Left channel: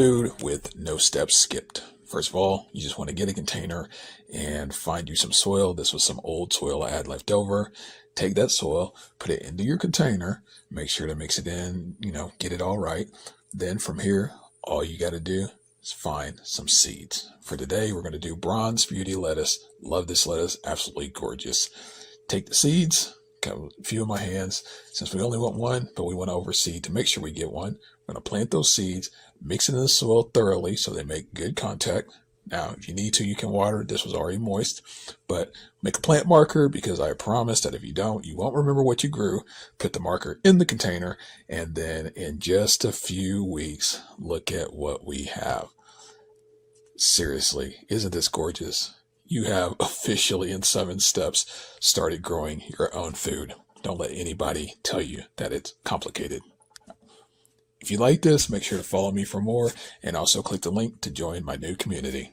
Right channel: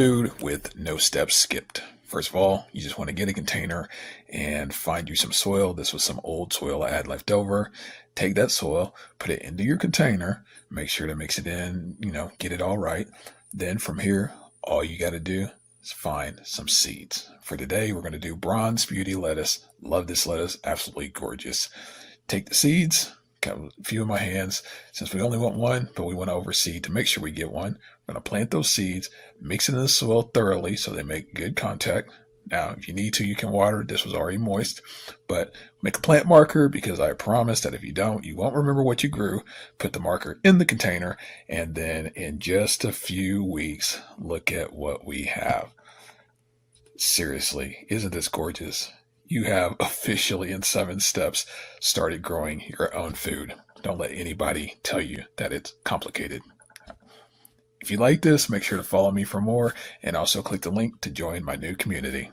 food with no steps skipped. First of all, you just want to get a container and find you some soil. This was some old soil I had left over. Take that soil, put it into your container, make sure to mix it in, get it all right. Then from here, all you got to do is find some seeds. For today, we're going to do Bronze Beauty lettuce. Love this lettuce, absolutely gorgeous. Take the seeds, got a few in my hands. Since we only want one, but we want to overseed to make sure we get one, we're going to plant those seeds, mix it in the soil thoroughly so they make good contact. Now, if you need to, you can water it. This was already moist, but make a plant marker because I promise that if you don't, you won't remember what you grew. Put the marker in the container, and then in just a few weeks, look at what we have. Seriously, isn't this gorgeous? You have officially in 7 steps started growing your own food. Don't let anybody tell you that it's complicated. If you like this, make sure to follow me for more and also click the link to join my new community.